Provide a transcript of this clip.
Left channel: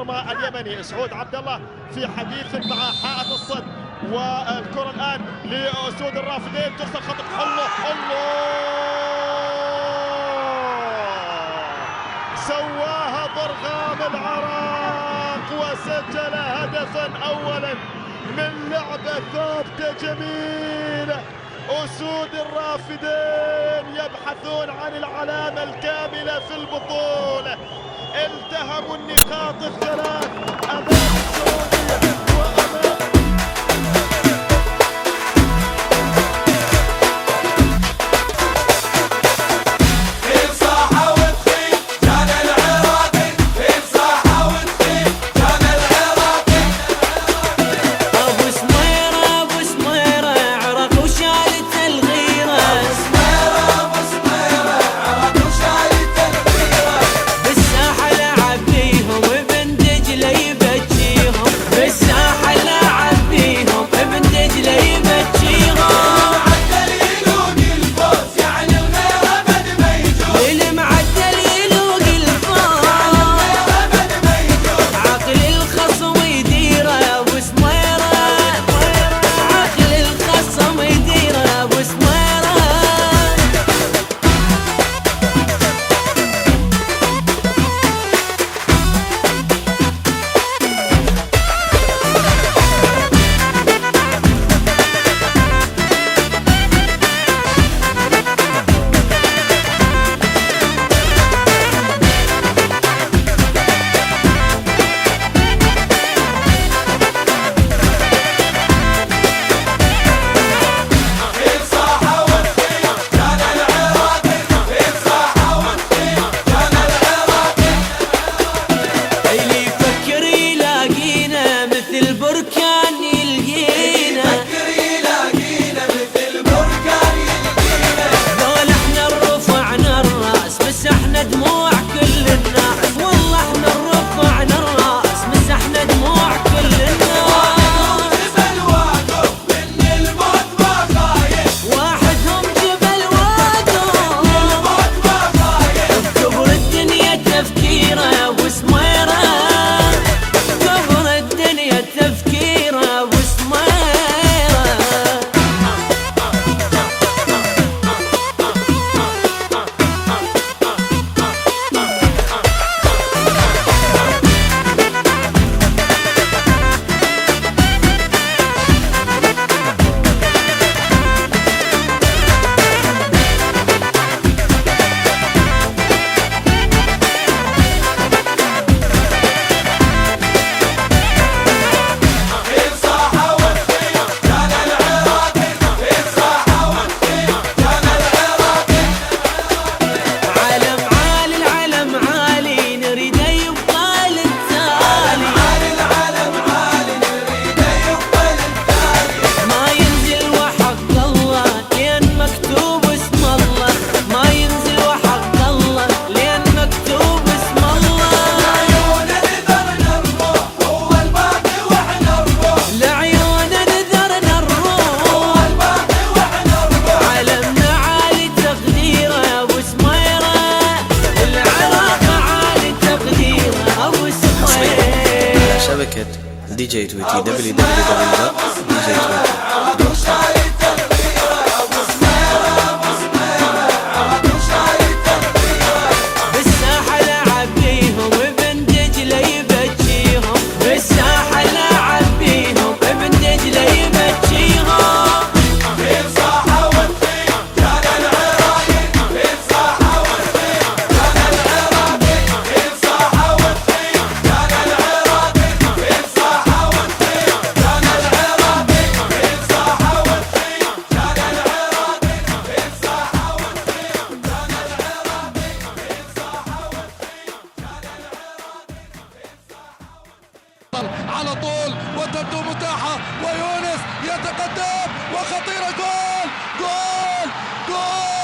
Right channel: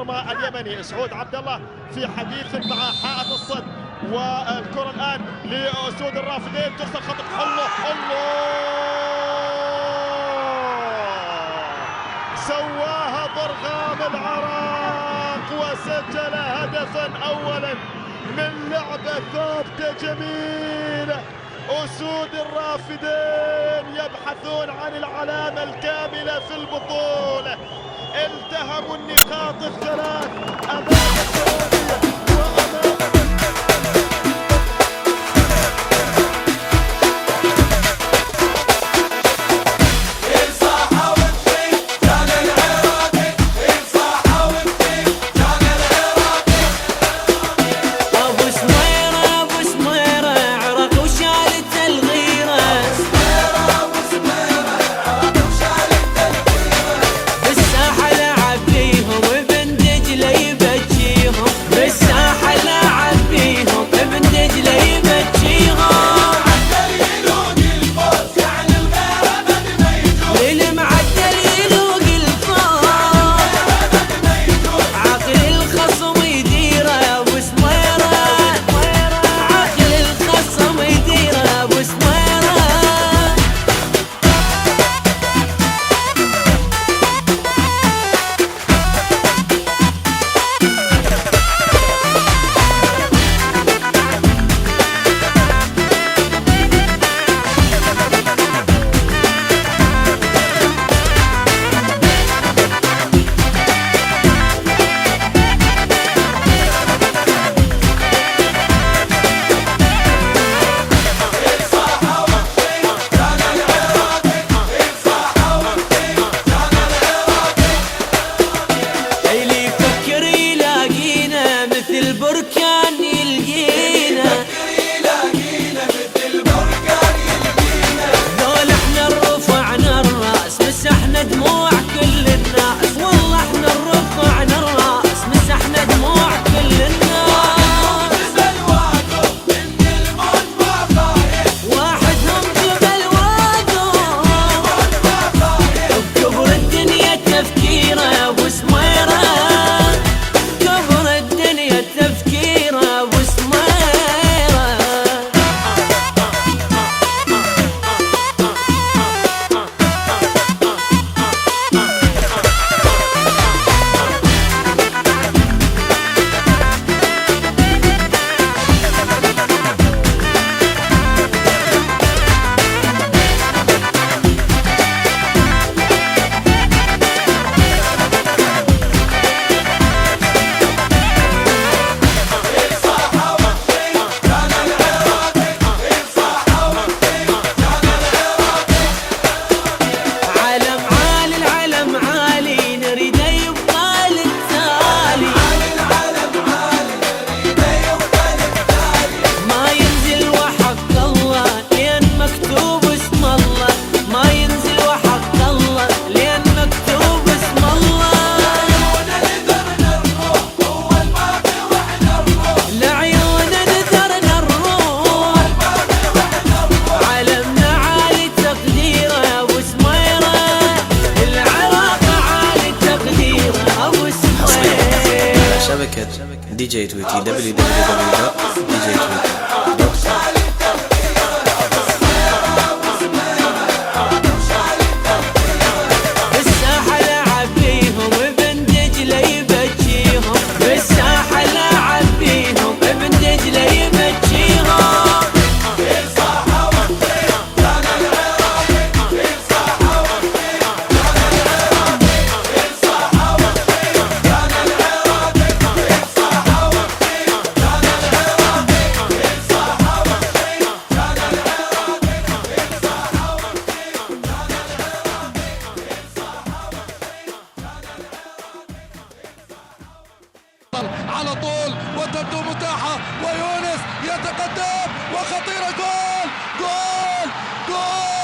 المرمى اليمني. سعود عبد الله في حديث مع حائط الصد، والكرة الآن لأسود الرافدين ترسل خطأ. الله سواها ضرغام العراق وسجل هدفا أولا من لعبة ثابتة جميلة. أسود الرافدين يبحثون عن العلامة الكاملة في البطولة، التهموا النقاط الثلاث أمام السعودية وأمام البركان يلقينا، ذول احنا رفعنا الراس مسحنا دموع كل الناس، والله احنا رفعنا الراس مسحنا دموع كل الناس. واحدهم جبل واقف بكبر الدنيا تفكيره وسميره، كبر الدنيا تفكيره وسميره. مكتوب اسم الله ما ينزل وحق الله، لأن مكتوب اسم الله. لعيونه نذرنا الروح، علمنا عالي تقديره أبو سميره، العراق عالي تقديره أبو سميره. شبكة دي جي 20 www.dj20. بالساحة لاعب بيهم ابن دجلة يبجيهم. على طول وتبدو متاحة ويونس يتقدم وخطيرة. جول جول جول.